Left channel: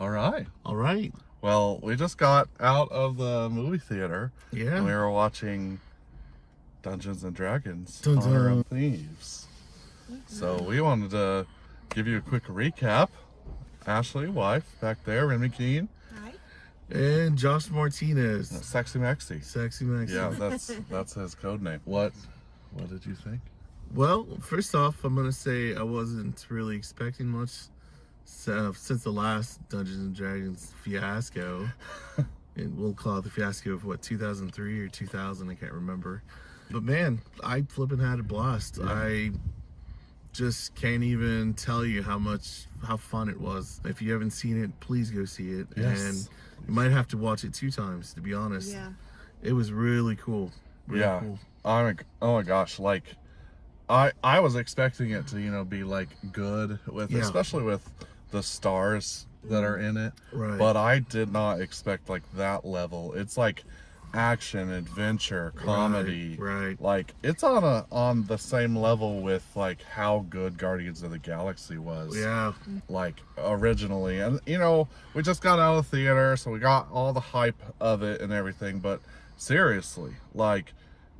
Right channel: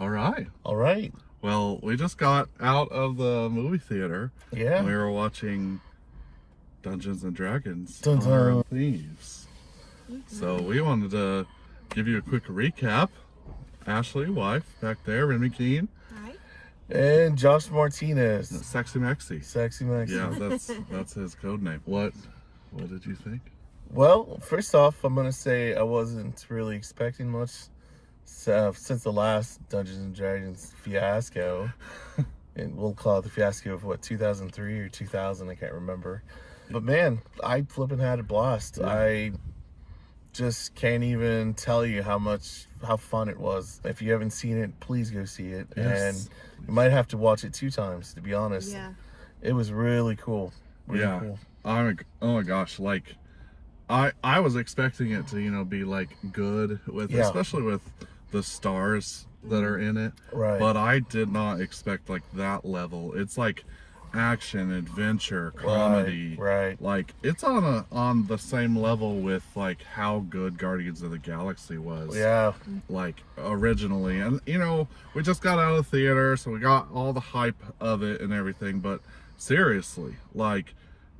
All right. All right. Well, we just got out of the movie theater. Yeah. And we were watching Dungeons and Dragons. Dun, dun. Thieves. So we wanted to give you a quick recap. Ashley, wife, back there, Remy Keene. Hi. And Josh Martinez. Sexy Maxie. Sexy Maxie. Yeah, that's his code name. What did you think? Well, first off, I'm gonna say I wasn't really expecting much since the last Dungeons and Dragons fiasco, and we'll call it the fiasco of what, 2003 or 2000, I can't remember. But man, I flipping had a blast. Yeah. I just can't even tell you how fun it was. If you haven't seen it, please go see it. Yes. And you might have to watch it 2 times, to be honest. Yeah. It was really cool. Really cool. Oh my gosh, like I was expecting it to, be like good with, especially with the stars that are in it. Right. But I did not expect like that level. It's like action, adventure, comedy. Right. Like it's on the same level with like how good Guardians of the Galaxy was. Yeah. Like originally. And we just got out of the theater, so we got all the hype of it and everything, but seriously, like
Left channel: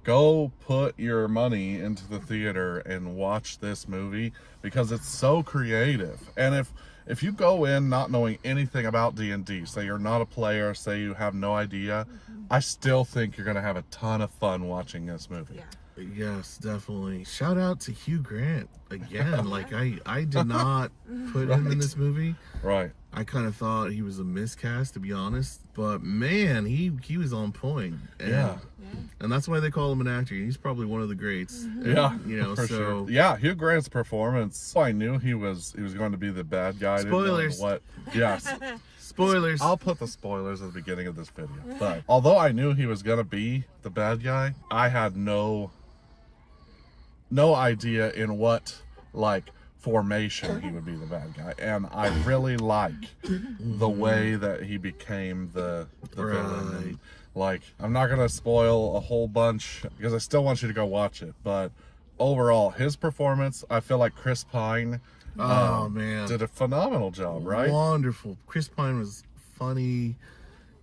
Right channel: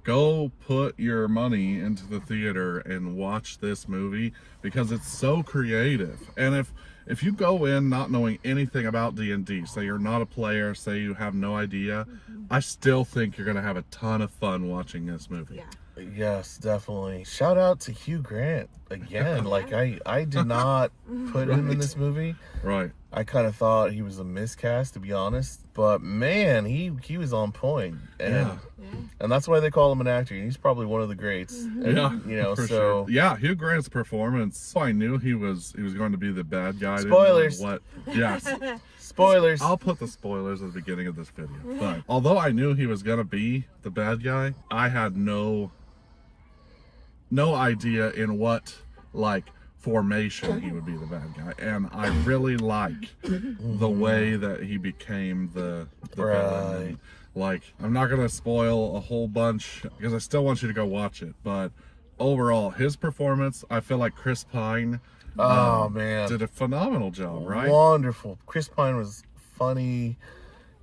go put your money into the theater and watch this movie because it's so creative. And if you go in not knowing anything about D&D, say you're not a player, say you have no idea, I still think you're gonna have a ton of fun watching this movie. Yeah. Yes, definitely. Shout out to Hugh Grant again. Like I did not put him in this movie. Right. I kind of thought he was a miscast, to be honest. But man, he was on point. And and that's why they call him an actor. He's probably one of the greats. Yeah. And, for sure. Yeah, Hugh Grant's performance. I knew he was going to be the bad guy. Spoilers. What? Yes. Spoilers. I'll put the spoilers at the beginning of this video. But although I knew he was going to be the bad guy, I had no idea in what formation he would be the bad guy, and I really like the way that he became the villain. Like, I'm not gonna spoil a whole bunch because I still want you to go watch it, but overall his performance, I feel like Chris Pine did a phenomenal job. Right? Wonderful. Chris Pine was funny.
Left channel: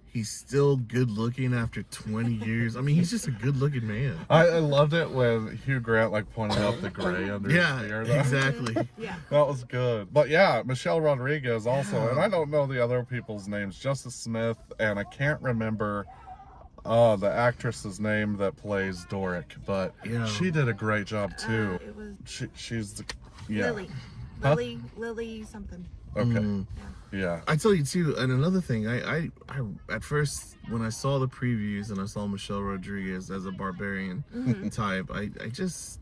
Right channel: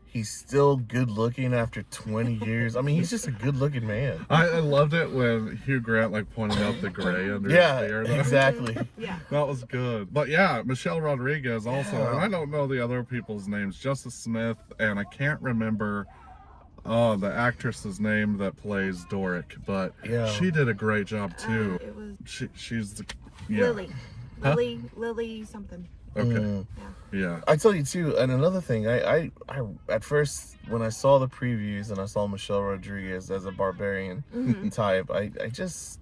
He's still good looking after 20 years. I mean, he's just a good looking man. I loved it when Hugh Grant pointed out the gray under his hair. Exactly. Yeah. That was good. But yeah, Michelle Rodriguez also, and I don't know the other people's names, Justice Smith, and I can't remember the actress's name that plays Doric, but she did a great job too. It was she's the Lily. Huh? Lily something. Okay. Yeah. I tell you too, and another thing, I at first when I saw the previews and I saw Michelle Rodriguez as a barbarian type, I just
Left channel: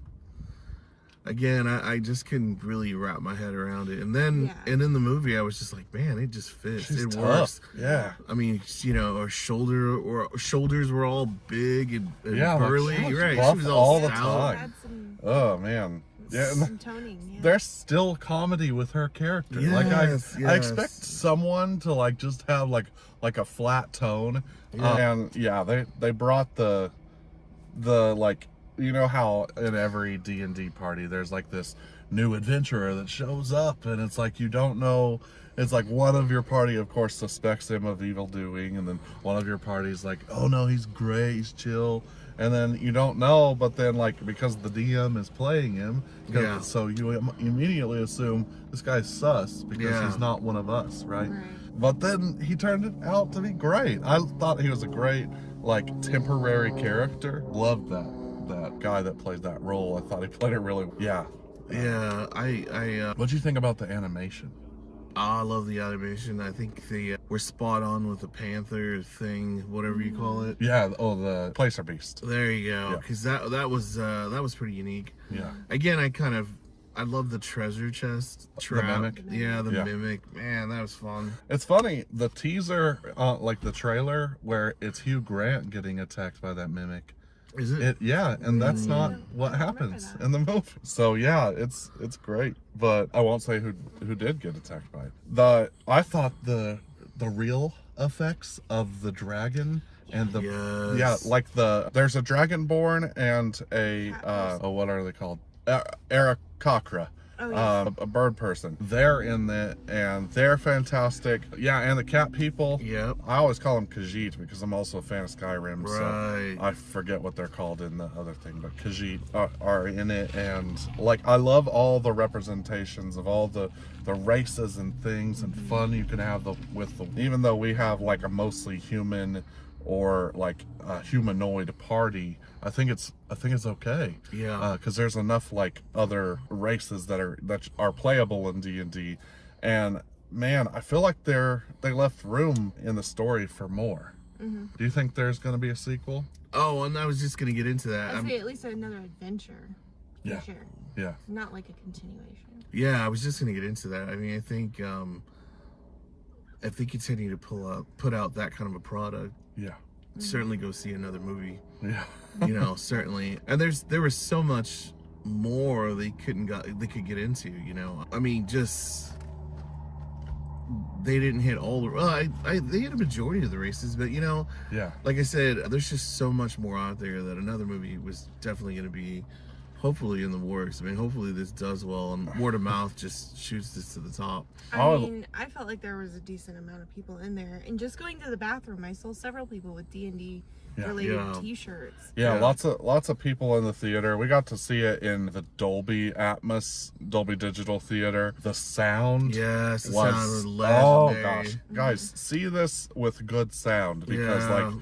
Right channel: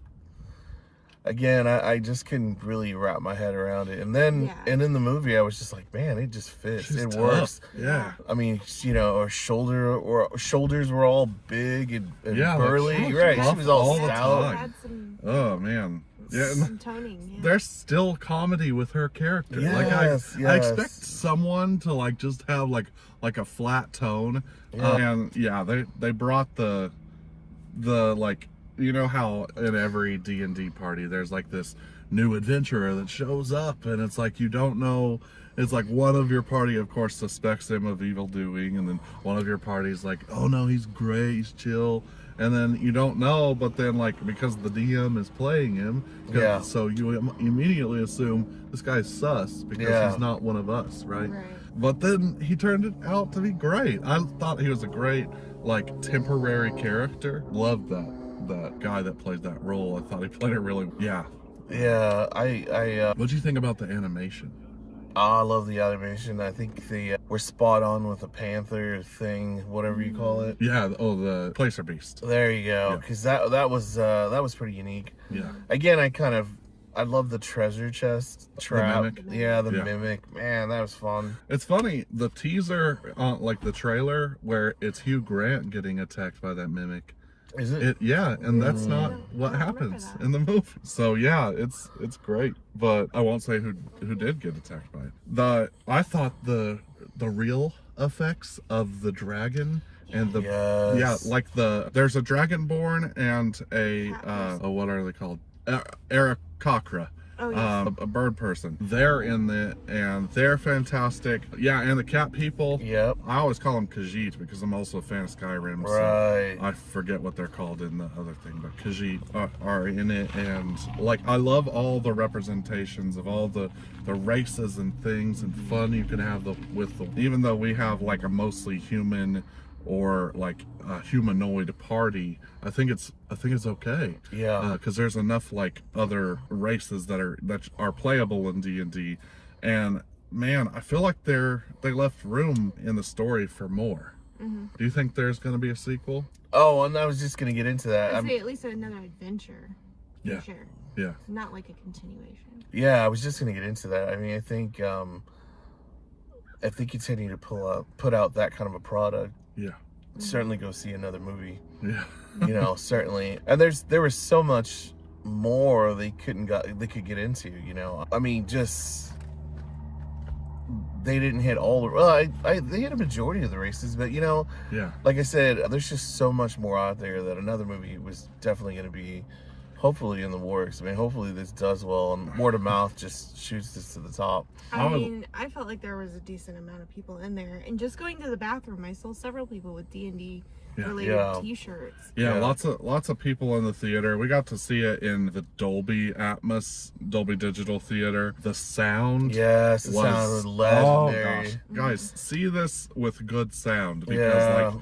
couldn't really wrap my head around it. And then and in the movie I was just like, man, it just fits. She's it tough. Works. Yeah. I mean, her shoulders were all big and burly. She was all the stout. time. Oh man. Yeah, some toning. Yeah. There's still comedy with her character. Yes, I expect someone to just have like a flat tone. And they brought the how in every D&D party there's this new adventurer that shows up, and it's you don't know. It's one of your party, of course, suspects him of evil doing, and then one of your party's oh no, he's great, he's chill. And then you don't know, but then because the DM is playing him, so you immediately assume this guy's sus because he's not one of us, right? But then he turned it out to be great. I thought he was a great temporary character. Loved that guy that played that role. I thought he played it really What'd you think about the animation? I love the animation. I think they were spot on with the panther thing, whatever you call it. Yeah. Oh, the Placer Beast. There you go. Because that was pretty unique. Yeah. Again, I love the treasure chest trap. The mimic. Yeah, the mimic. Man, that was fun. It's funny. The teaser, the trailer, where it's Hugh Grant getting attacked by that mimic. Is it? And that's not what happens in the movie. So yeah, it's great. But I won't say who did get attacked by it. I thought the real effects of the dragon and the there's a dragonborn and a what are they called? Aarakocra. Oh, yes. a bird person. They're in it, and they're fantastic. Yeah, and the cat people. Yep. I always call them Khajiit because I'm also a fan of Skyrim. Right. So I forget what they're called in the other thing, but Khajiit are in it, and like I love all the representations of all the races and things and fun you can have with them. Even though we have like a mostly human or like a humanoid party, I think it's okay. Yeah. Because there's enough like other races that are playable in D&D, and man, I feel like they left room in the story for more. Do you think there's going to be a sequel? Oh, and I was just gonna get into that. I'd say at least another adventure. Yeah. For sure. Yeah. Not like a continuation. Yeah, I was just gonna get into that. I mean, I think continue to put out that kind of a product. Yeah. Certainly go see another movie. Yeah. You know, certainly. And there was so much more they could get into. You know, I mean, just they didn't hit all the. Well, they hit a majority of the races, but you know, Yeah. like I said, there's just so much more out there that another movie was definitely going to be, hopefully, in the works. I mean, hopefully this does well, and word of mouth just shoots this to the top. I mean, I felt like there was a decent amount of people in there, and just going to the bathroom, I saw several people with D&D related Yeah. T-shirts. Yeah, Yeah. lots of people in the theater. We got to see it in the Dolby Digital Theater. The sound Yes, the sound was oh legendary. gosh. Guys, see this with good sound because Yeah. like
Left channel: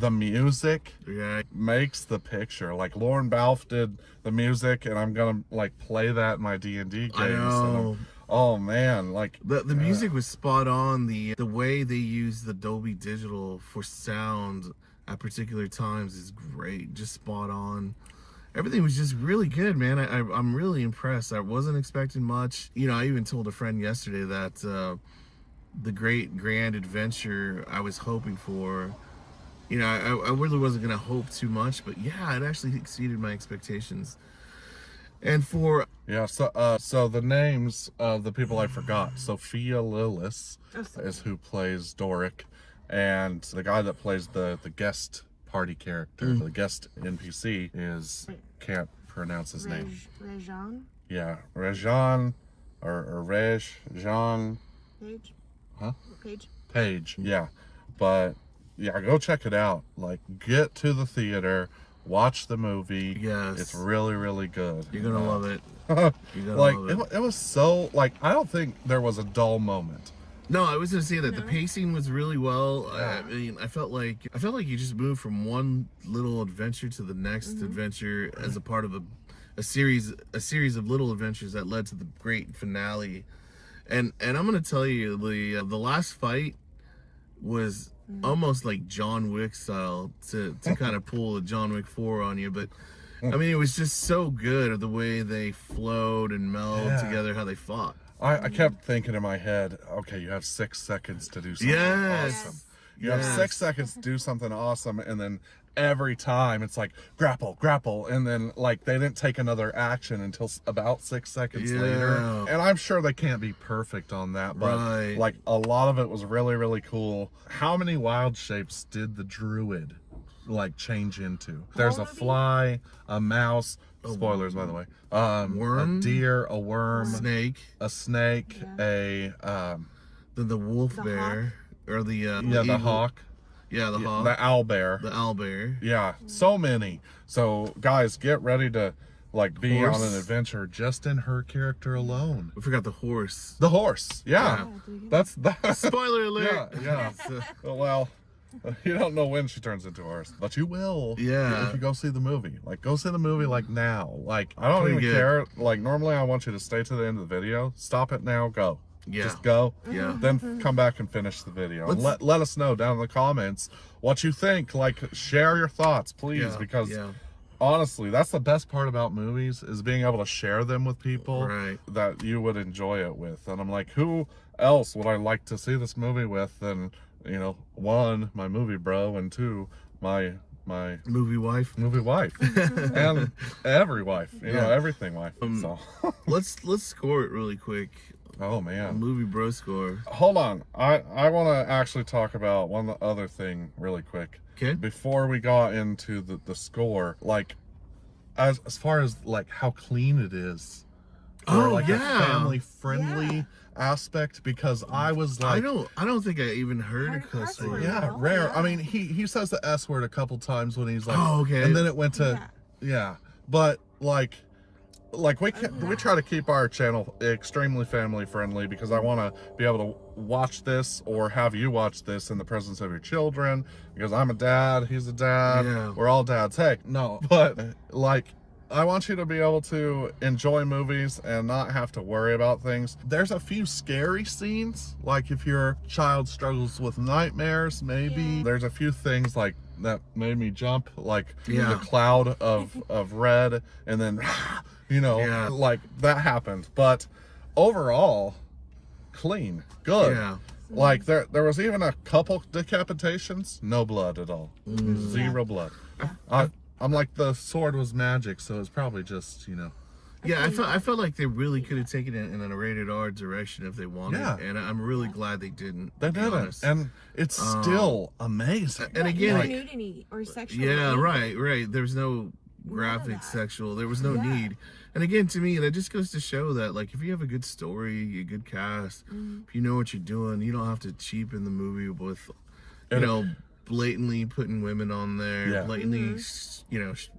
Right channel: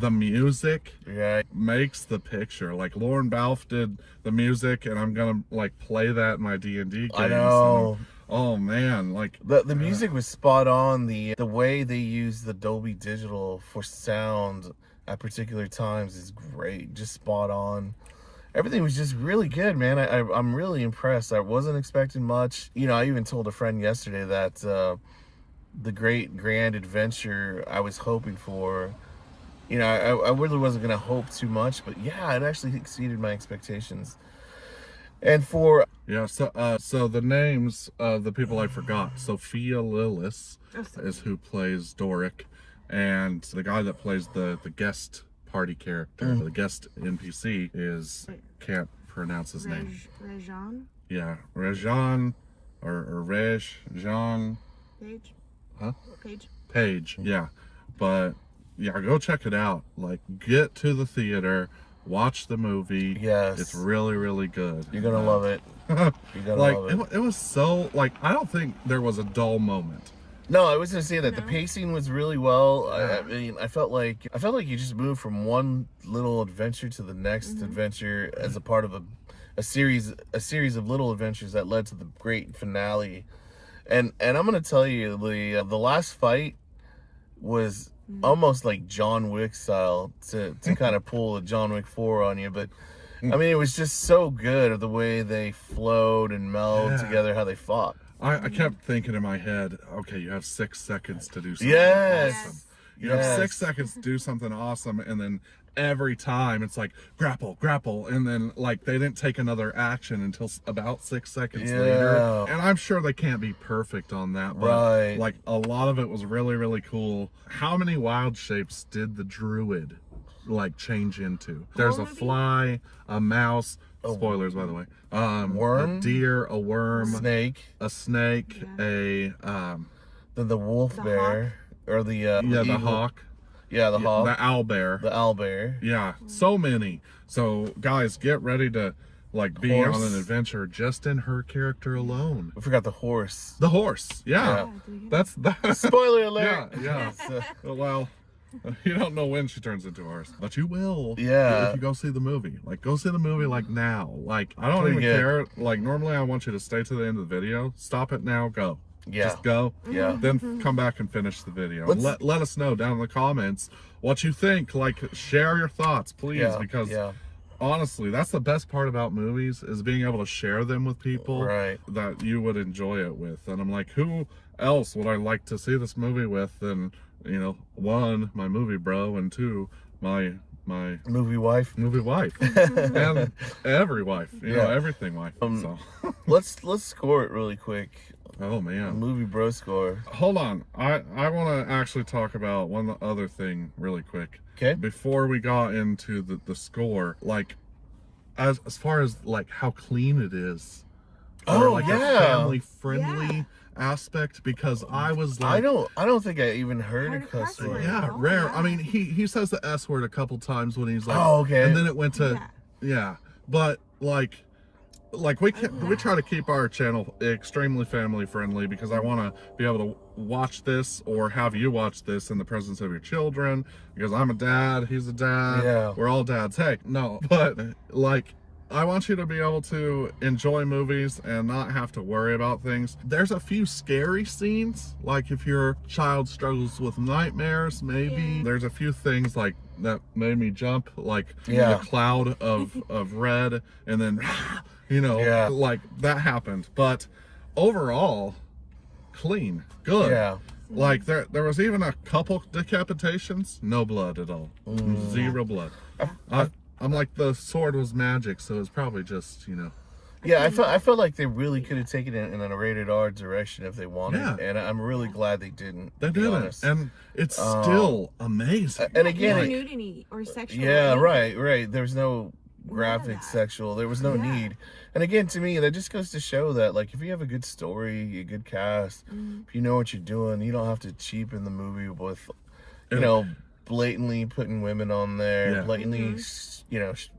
the music Yeah, makes the picture. Like Lauren Balfe did the music, and I'm gonna like play that in my D&D games. I know. Oh man, like The music was spot on. The way they use the Dolby Digital for sound at particular times is great. Just spot on. Everything was just really good, man. I'm really impressed. I wasn't expecting much. You know, I even told a friend yesterday that the great grand adventure I was hoping for, you know, I really wasn't going to hope too much, but yeah, it actually exceeded my expectations. And for yeah, so the names of the people I forgot. Sophia Lillis is who plays Doric, and the guy that plays the guest party character, the guest NPC is can't pronounce his name. Rajan Yeah, Rajan or Jean Page. Huh? Page. Page. Yeah, but yeah, go check it out. Like, get to the theater. Watch the movie. Yes. It's really, really good. you're going to love it. You're going to Like, love it. it was so, like, I don't think there was a dull moment. No, I was gonna say that the No. pacing was really well. Yeah. I mean, I felt like you just moved from one little adventure to the next adventure as a part of a series of little adventures that led to the great finale. And I'm gonna tell you, the last fight was almost like John Wick style to kind of pull a John Wick 4 on you, but. I mean, it was just so good of the way they flowed and melded Yeah. together, how they fought. I kept thinking in my head, okay, you have 6 seconds to do something Yes. awesome. You have 6 seconds to do something awesome, and then every time it's like grapple, and then like they didn't take another action until about 6 seconds later. And I'm sure they can't be perfect on that, but Right. like a lot of it was really, really cool. How many wild shapes did the druid like change into? There's a movie? fly, a mouse. Spoilers, by the way. Worm? A deer, a worm, Snake, a snake, Yeah. then the wolf The bear, or the the eagle. hawk, Yeah, the hawk, the owl bear. the owl bear. Yeah, so many. So guys, get ready to like be Horse. on an adventure just in her character alone. We forgot the horse. The horse, yeah, that's Spoiler alert. yeah. Well, you don't know when she turns into a horse, but you will. Yeah. if you go see the movie, like go see the movie like now. Like I don't Pretty even good. care. Like normally I want you to stay to the end of the video. Stop it now. Go. Yeah. Just go. Yeah. Then come back and finish the video. And Let's- let us know down in the comments what you think. Like share your thoughts, please, Yeah, because yeah. honestly, that's the best part about movies is being able to share them with people Right. that you would enjoy it with. And I'm like, who else would I like to see this movie with than, you know, 1, my movie bro, and 2, my Movie wife. movie wife, and every wife, you know, Yeah. everything wife. So, Let's score it really quick. oh man. Movie bro score. Hold on. I want to actually talk about one other thing really quick. Okay. Before we got into the score, like as far as like how clean it is, Oh, like yeah. a family friendly Yeah. aspect, because I was I like, don't think I even heard Heard a a cuss cuss word. word. yeah, Oh, rare. yeah. I mean, he says the S word a couple times when he's like, Oh, okay. and then it went to, Yeah. yeah, but like we Other can than we that- try to keep our channel extremely family friendly, because I want to be able to watch this or have you watch this in the presence of your children, because I'm a dad, he's a dad, Yeah. we're all dads. Hey, no, but like, I want you to be able to enjoy movies and not have to worry about things. There's a few scary scenes, like if your child struggles with nightmares, maybe. Yeah. There's a few things like that made me jump, like Yeah. the cloud of red, and then Yeah. like that happened. But overall, clean, good. Yeah. Like there was even a couple decapitations, no blood at all, zero blood. I'm like, the sword was magic, so it's probably just Yeah, I felt like they really could have taken it in a rated R direction if they wanted, Yeah. and I'm really glad they didn't. they to be didn't, honest. and it's still amazing. And Yeah, again, no like- nudity or sexual. Yeah, anything. right. There's no graphic that. sexual. There was no Yeah. need. And again, to me, that just goes to show that, like, if you have a good story, a good cast, if you know what you're doing, you don't have to cheapen the movie with, blatantly putting women on there, Yeah. blatantly,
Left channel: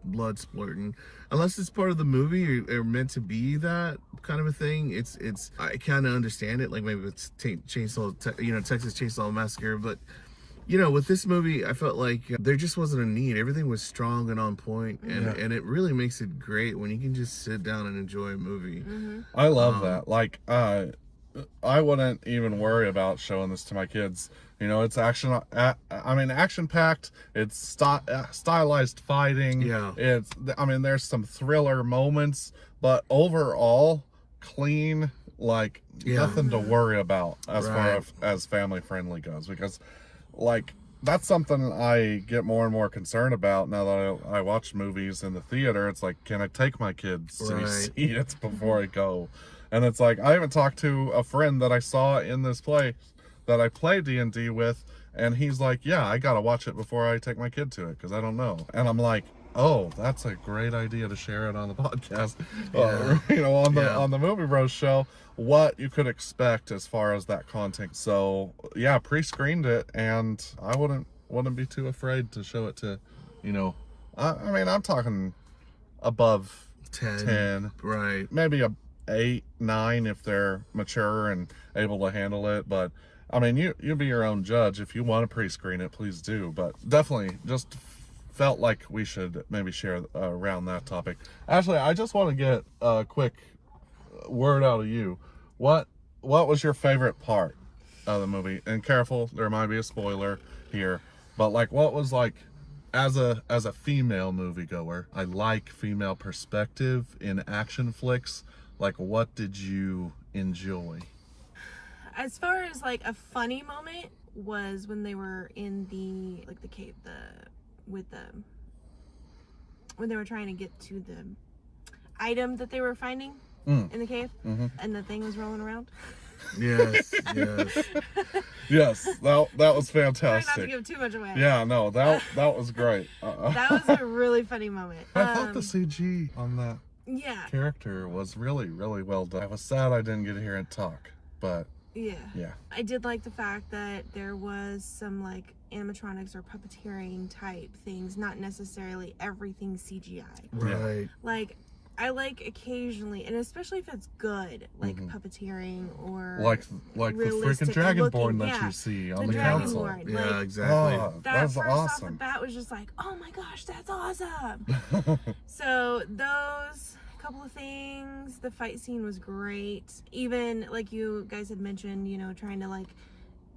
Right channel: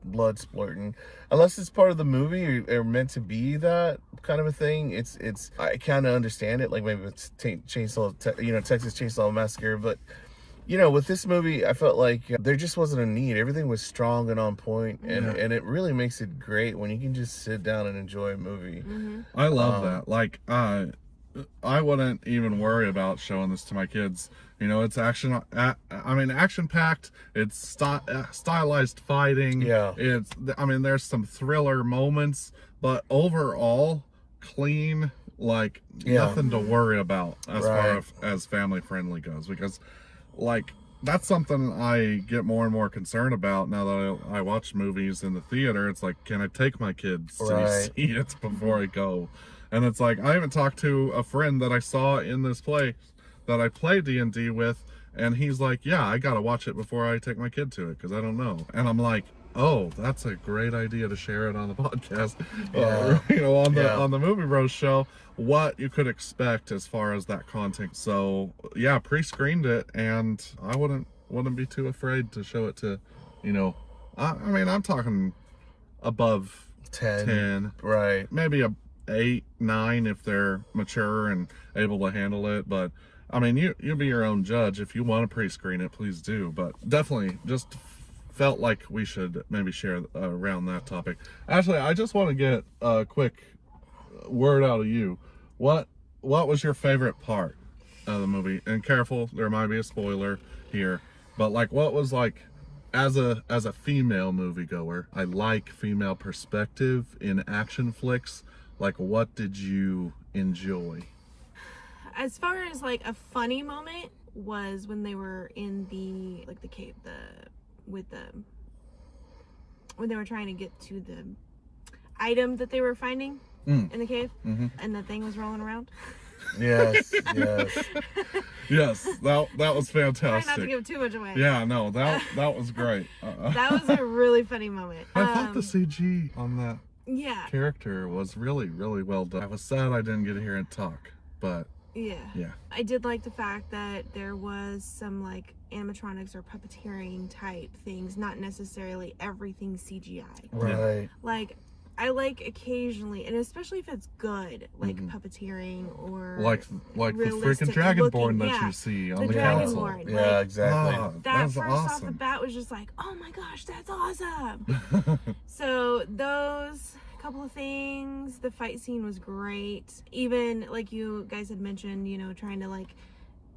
blood splurting. Unless it's part of the movie or meant to be that kind of a thing, it's. I kind of understand it. Like maybe it's Texas Chainsaw Massacre, but. With this movie, I felt like there just wasn't a need. Everything was strong and on point, and it really makes it great when you can just sit down and enjoy a movie. I love that. Like, I wouldn't even worry about showing this to my kids. It's action. Action packed. It's stylized fighting. Yeah. There's some thriller moments, but overall, clean. Like, nothing to worry about as far as family friendly goes, because. Like, that's something I get more and more concerned about now that I watch movies in the theater. It's like, can I take my kids to see it before I go? And it's like, I even talked to a friend that I saw in this place that I play D&D with, and he's like, yeah, I gotta watch it before I take my kid to it, because I don't know. And I'm like, oh, that's a great idea to share it on the podcast. On the Movie Bros show, what you could expect as far as that content. So yeah, pre-screened it, and I wouldn't be too afraid to show it to, I'm talking above 10, Right. maybe a 8, 9 if they're mature and able to handle it. But you'll be your own judge. If you want to pre-screen it, please do. But definitely just felt like we should maybe share around that topic. Actually, I just want to get a quick word out of you. What was your favorite part of the movie? And careful, there might be a spoiler here, but like, what was like, as a female moviegoer, I like female perspective in action flicks. Like, what did you enjoy? As far as like a funny moment was when they were in the cave, when they were trying to get to the item that they were finding in the cave, and the thing was rolling around. Yes. Yes, that was Try fantastic. not to give too much away. Yeah, no, that was great. That was a really funny moment. I thought the CG on that Yeah. character was really, really well done. I was sad I didn't get to hear it talk, but Yeah. yeah. I did like the fact that there was some like animatronics or puppeteering type things, not necessarily everything CGI. Right. Like, I like occasionally, and especially if it's good, like puppeteering or like the freaking realistic Dragonborn looking- that yeah, you see on the the console. Dragonborn. Yeah, Like, exactly. Oh, that was first off the awesome. bat was just like, oh my gosh, that's awesome. So those couple of things, the fight scene was great. Even like you guys had mentioned, trying to like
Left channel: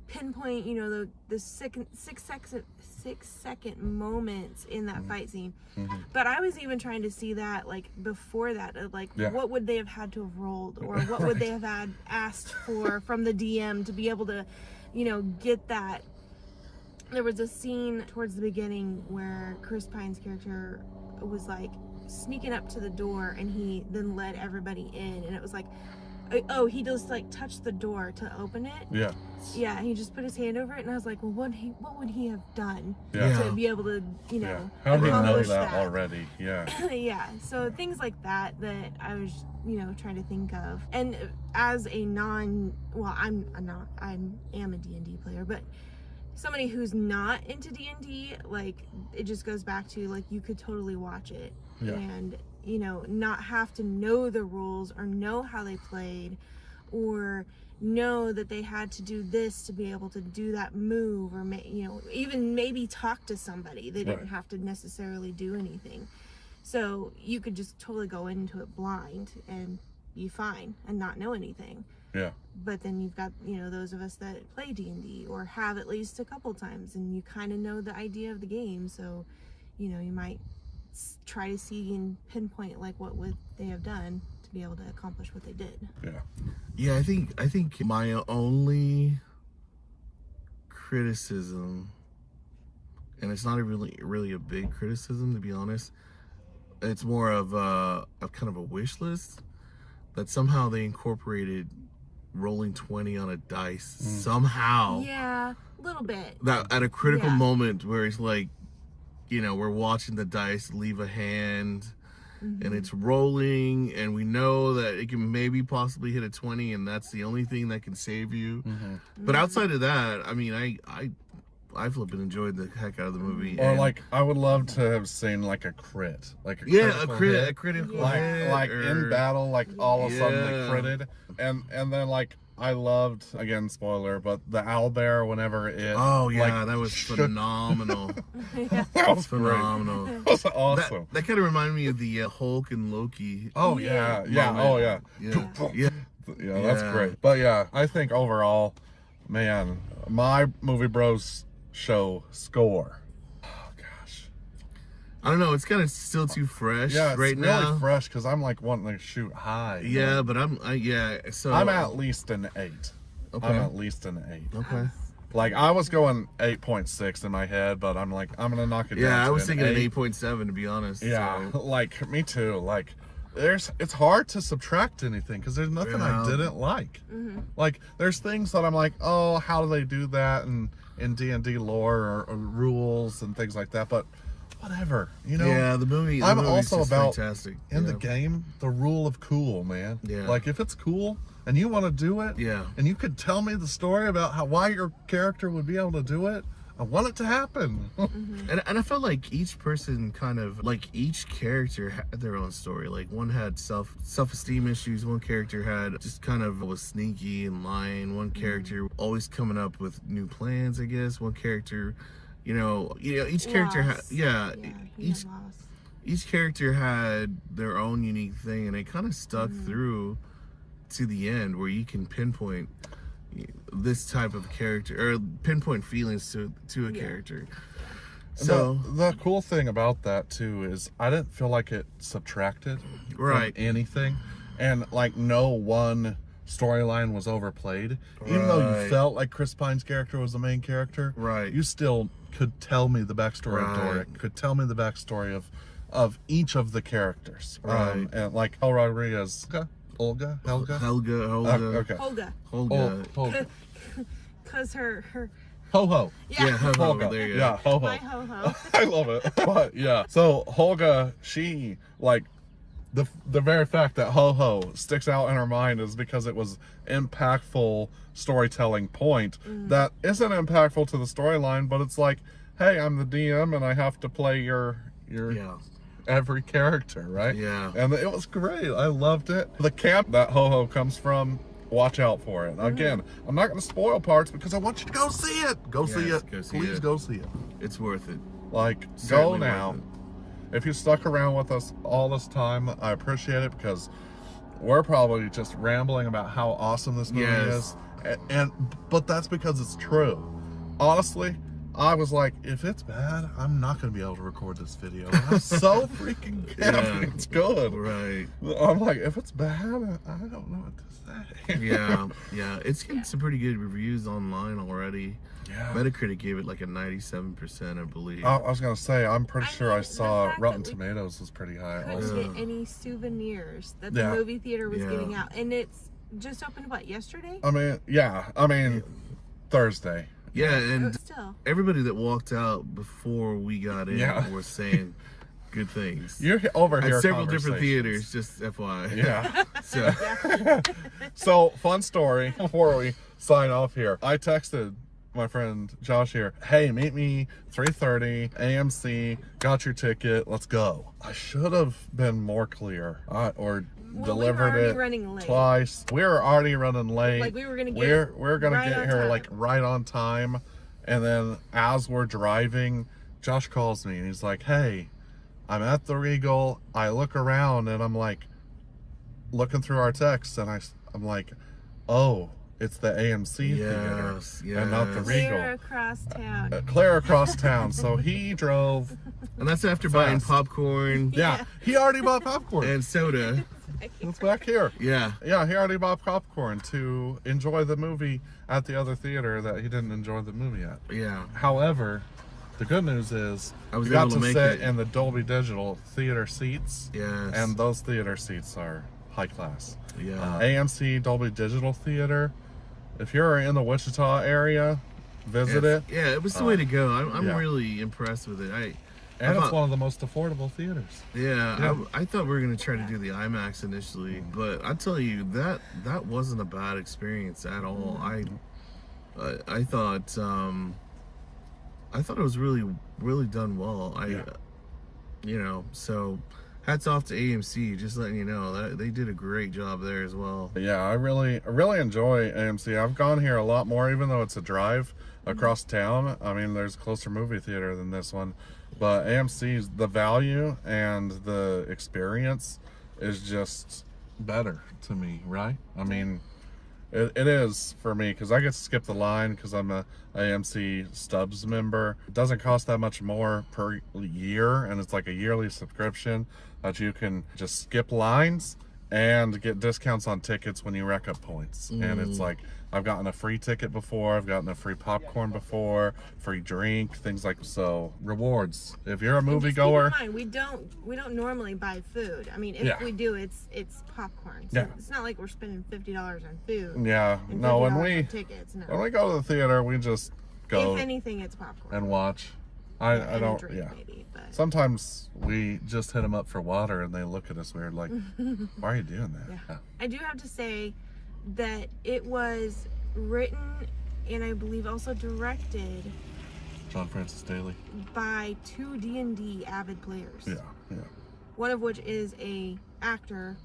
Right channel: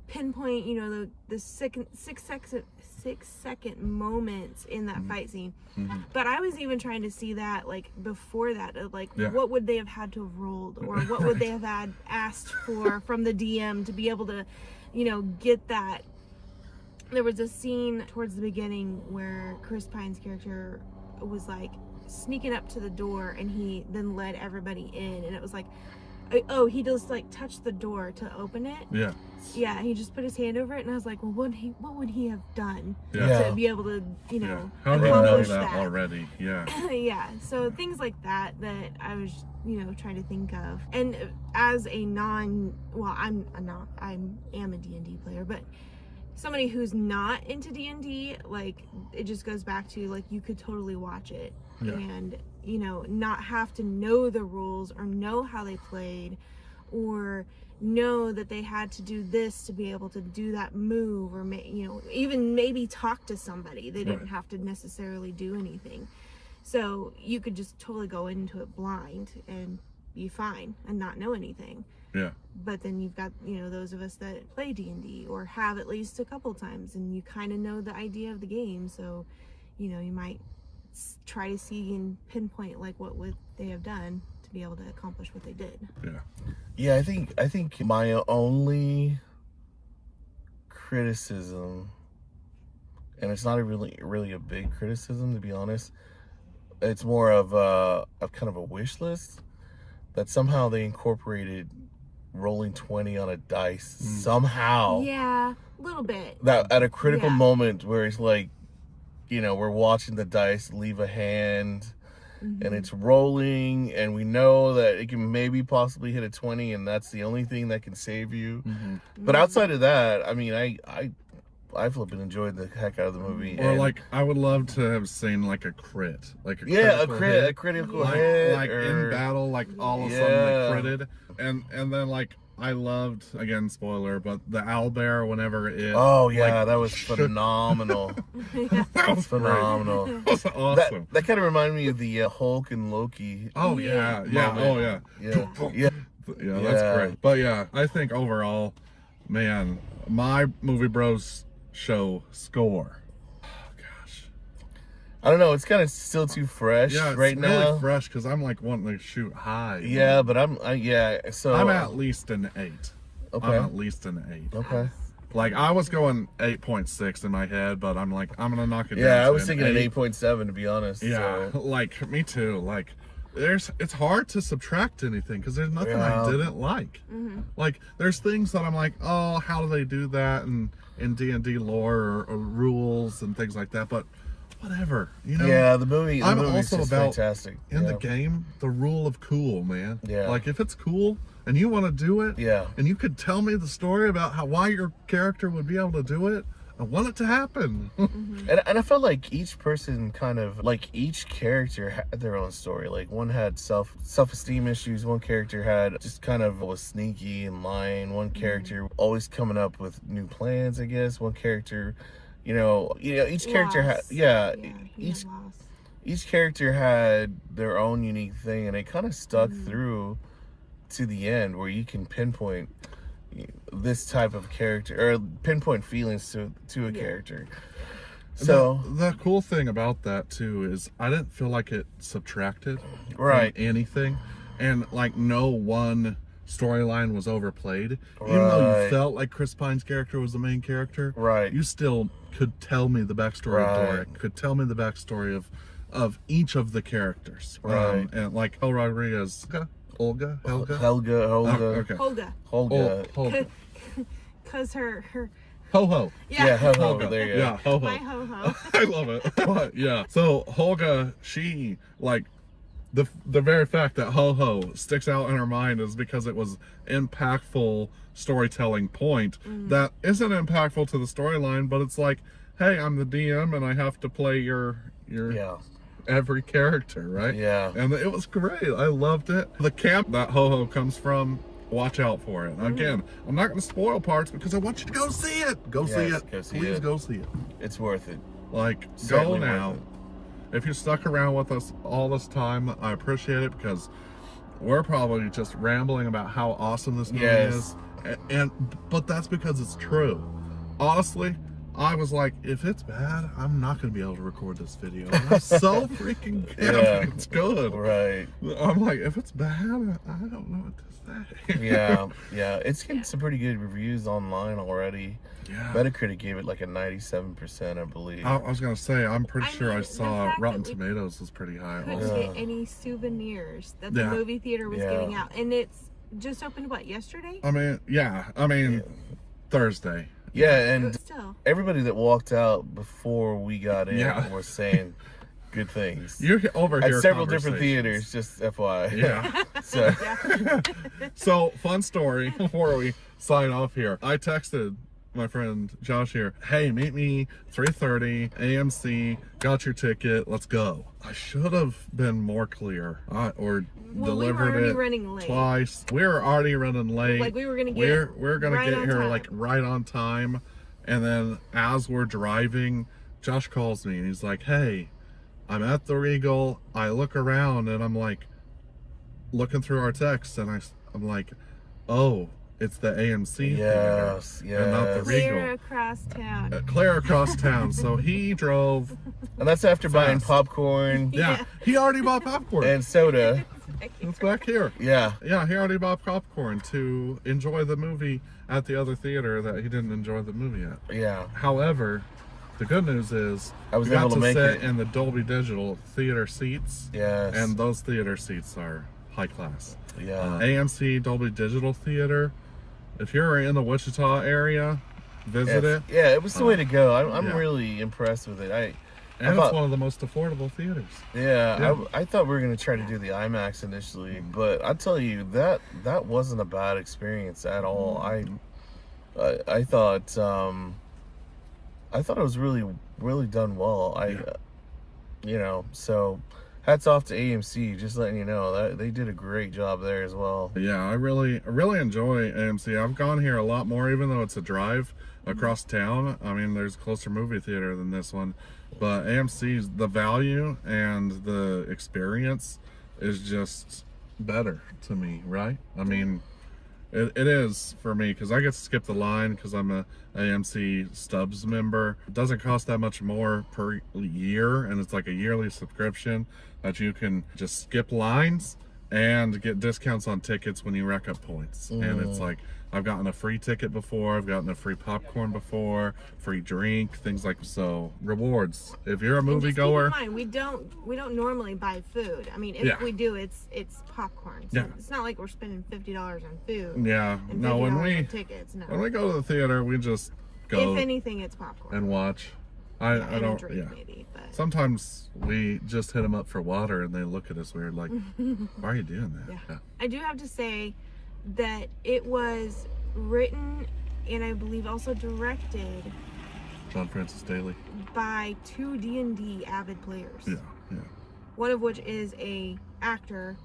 pinpoint, the 6-second moments in that fight scene. But I was even trying to see that like before that, like what would they have had to have rolled, or what would they have had asked for from the DM to be able to, get that. There was a scene towards the beginning where Chris Pine's character was like sneaking up to the door, and he then led everybody in, and it was like Oh, he just like touched the door to open it. Yeah. Yeah, he just put his hand over it, and I was like, well, what would he have done Yeah. to be able to, you know, How do you know accomplish that that already? Yeah. Yeah, so things like that I was, you know, trying to think of. And as a I am a D&D player, but somebody who's not into D&D, like, it just goes back to, like, you could totally watch it and, you know, not have to know the rules or know how they played or know that they had to do this to be able to do that move, or you know, even maybe talk to somebody. They didn't have to necessarily do anything, so you could just totally go into it blind and be fine and not know anything. Yeah. But then you've got, you know, those of us that play D&D or have at least a couple times, and you kind of know the idea of the game, so, you know, you might try to see and pinpoint like what would they have done to be able to accomplish what they did. Yeah, I think my only criticism, and it's not really a big criticism, to be honest, it's more of a kind of a wish list, that somehow they incorporated rolling 20 on a dice somehow. Yeah, a little bit. That at a critical moment where it's like, you know, we're watching the dice leave a hand and it's rolling, and we know that it can maybe possibly hit a 20, and that's the only thing that can save you. But outside of that, I mean, I flipping enjoyed the heck out of the movie. Or like, I would love to have seen like a crit, like a critical hit, like in battle, like all of a sudden they critted, and then like I loved, again, spoiler, but the owlbear whenever it. Oh yeah, like, that was phenomenal. That was phenomenal. That was awesome. That kind of reminded me of the Hulk and Loki. Oh yeah. Oh yeah. Yeah, that's great. But yeah, I think overall, man, my Movie Bros show score. Oh gosh, I don't know. It's kind of still too fresh right now. Really fresh because I'm like wanting to shoot high. Yeah, but so I'm at least an 8. Okay. I'm at least an 8. Okay. Like I was going 8.6 in my head, but I'm like, I'm gonna knock it down. Yeah, I was thinking an 8.7 to be honest. Yeah, so. like me too. Like it's hard to subtract anything because there's nothing I didn't like. Like there's things that I'm like, oh, how do they do that in D&D lore or rules and things like that, but whatever, you know. Yeah, the movie. I'm also about fantastic. In the game, the rule of cool, man. Yeah. Like if it's cool and you want to do it, and you could tell me the story about why your character would be able to do it, I want it to happen. And I felt like each person kind of, like each character had their own story. Like one had self-esteem issues, one character had just kind of was sneaky and lying, one character always coming up with new plans, I guess. One character, you know, each character had each character had their own unique thing, and it kind of stuck through to the end, where you can pinpoint this type of character or pinpoint feelings to a character. So the cool thing about that too is I didn't feel like it subtracted from anything, and like no one storyline was overplayed. Even though you felt like Chris Pine's character was the main character, you still could tell me the backstory of Doric, could tell me the backstory of each of the characters, and like El Rodriguez, Helga. Cause her Ho-Ho. Yeah, Ho-Ho. Holga. There you go. Yeah, Ho-Ho. My Ho-Ho. I love it. But yeah. So Holga, she like the very fact that Ho-Ho sticks out in her mind is because it was impactful storytelling point that isn't impactful to the storyline, but it's like, hey, I'm the DM and I have to play your every character, right? Yeah. And it was great. I loved it. The camp that Ho-Ho comes from, watch out for it. Again, I'm not going to spoil parts because I want you to go see it. Go see it. Please go see it. It's worth it. Like, Certainly go now. If you stuck around with us all this time, I appreciate it because we're probably just rambling about how awesome this movie is. But that's because it's true. Honestly, I was like, if it's bad, I'm not going to be able to record this video. And I'm so freaking happy it's good. Right. I'm like, if it's bad, I don't know what to say. Yeah. It's getting some pretty good reviews online already. Yeah. Metacritic gave it like a 97%, I believe. I was going to say, I'm pretty sure I saw Rotten Tomatoes was pretty high. Couldn't get any souvenirs that the movie theater was giving out. And it's just opened what, yesterday? I mean, Thursday. Yeah, and Still. everybody that walked out before we got in Yeah. was saying good things. You overhear At several different conversations. theaters, just FYI. Yeah. So, Yeah. So, fun story before we sign off here. I texted my friend Josh here, hey, meet me 3:30 AMC, got your ticket, let's go. I should have been more clear, or Well, we were delivered already it running late. twice. We were already running late. Like, we were gonna get we're gonna right get on here time. like right on time, and then as we're driving, Josh calls me and he's like, hey, I'm at the Regal. I look around and I'm like looking through our texts, and I'm like, oh, it's the AMC yes, theater, and not the yes. Clear Regal. across town. Clear across town. So he drove. And that's after buying Fast. popcorn Yeah, he already bought popcorn. and soda. It's back here. Yeah. Yeah, he already bought popcorn to enjoy the movie at the other theater that he didn't enjoy the movie at. Yeah. However, the good news is I was we got able to make sit it. in the Dolby Digital theater seats, Yes. and those theater seats are high class. Yeah. AMC Dolby Digital Theater. If you're in the Wichita area, visit it. Yeah, it was the way to go. I'm yeah. really impressed with it. And it's thought- one of the most affordable theaters. Yeah, I thought we were gonna try to do the IMAX initially, but I tell you that wasn't a bad experience at all. I thought it was really done well. So hats off to AMC, just letting you know that they did a great job there as well. Yeah, I really enjoy AMC. I've gone here a lot more, even though it's a drive across town. I mean, there's a closer movie theater than this one, but AMC's, the value and the experience is just better to me, right? I mean, it is for me, because I get to skip the line because I'm a AMC Stubs member. It doesn't cost that much more per year, and it's like a yearly subscription that you can just skip lines and get discounts on tickets when you rack up points. And it's like, I've gotten a free ticket before, I've gotten a free popcorn before, free drink, things like so. Rewards. If you're a And movie just goer, keep in mind, we don't normally buy food. I mean, if Yeah. we do, it's popcorn. So Yeah. it's not like we're spending $50 on food. yeah, And no, $50 when on tickets. No. we go to the theater, we just go If anything, it's popcorn. and watch. I and don't. a drink, Yeah. maybe. But Sometimes we just hit them up for water, and they look at us weird, like, "Why are you doing that?" Yeah. I do have to say that it was written and I believe also directed John Francis Daly. by two D&D avid players. Yeah, yeah. One of which is a actor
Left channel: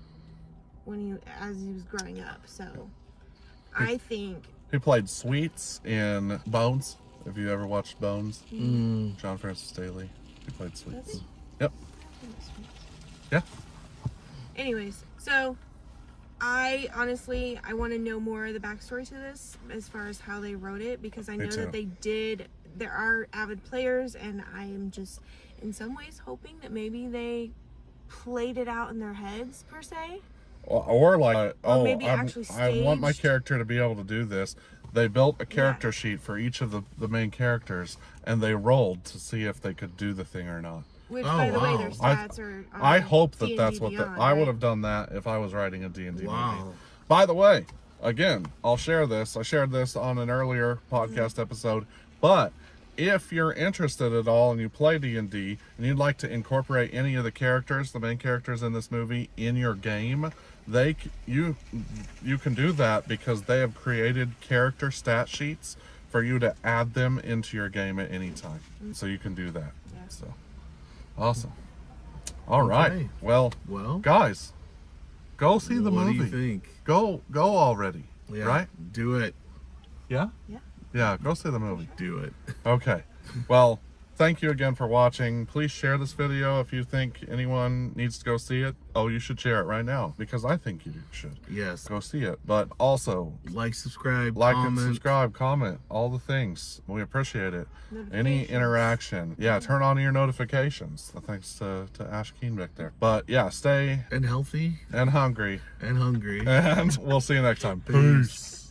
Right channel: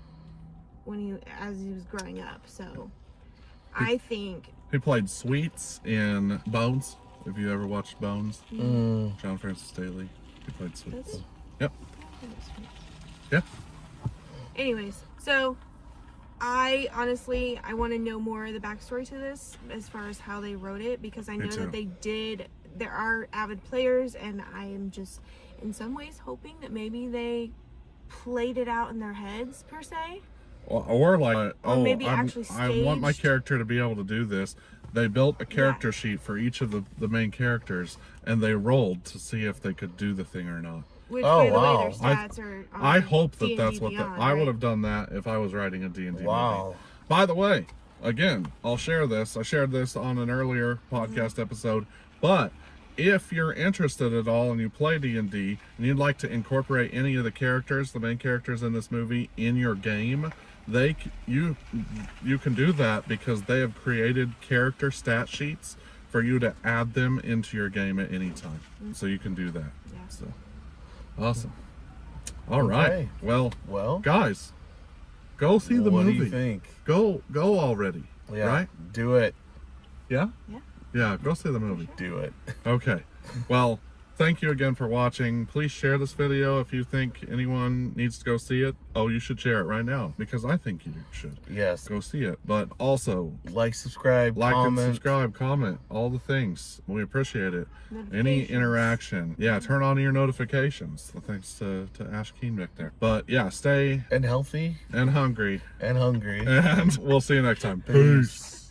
as he was growing up. So I think He played Sweets in Bones. If you ever watched Bones, John Francis Daly. He played Sweets. That's- Yep. Yeah. anyways, so I honestly want to know more of the backstory to this as far as how they wrote it, because I Me know too. that there are avid players, and I am just in some ways hoping that maybe they played it out in their heads per se. Or like, Or maybe I want my staged. character to be able to do this. They built a character sheet for each of the main characters, and they rolled to see if they could do the thing or not. Which, Oh, by the way, wow. their stats are. I hope that D&D that's what Beyond, I right? would have done that if I was writing a D&D Wow. movie. By the way, again, I'll share this. I shared this on an earlier podcast episode, but if you're interested at all and you play D&D and you'd like to incorporate any of the main characters in this movie in your game, you can do that because they have created character stat sheets for you to add them into your game at any time. So you can do that. Yeah. So awesome. All right. Okay. Well, Well, guys, go see the what movie. do you think? Go already. Yeah. Right? Do it. Yeah? Yeah. Yeah, go see the movie. Do it. Okay. Well, thank you again for watching. Please share this video if you think anyone needs to go see it. Oh, you should share it right now because I think you should Yes. go see it. But also, Like, subscribe, like comment. and subscribe, comment, all the things. We appreciate it. Any Notifications. interaction. Yeah, turn on your notifications. Thanks to Ash Keenbeck there. But yeah, stay And healthy and hungry. and hungry. And we'll see you next time. Peace.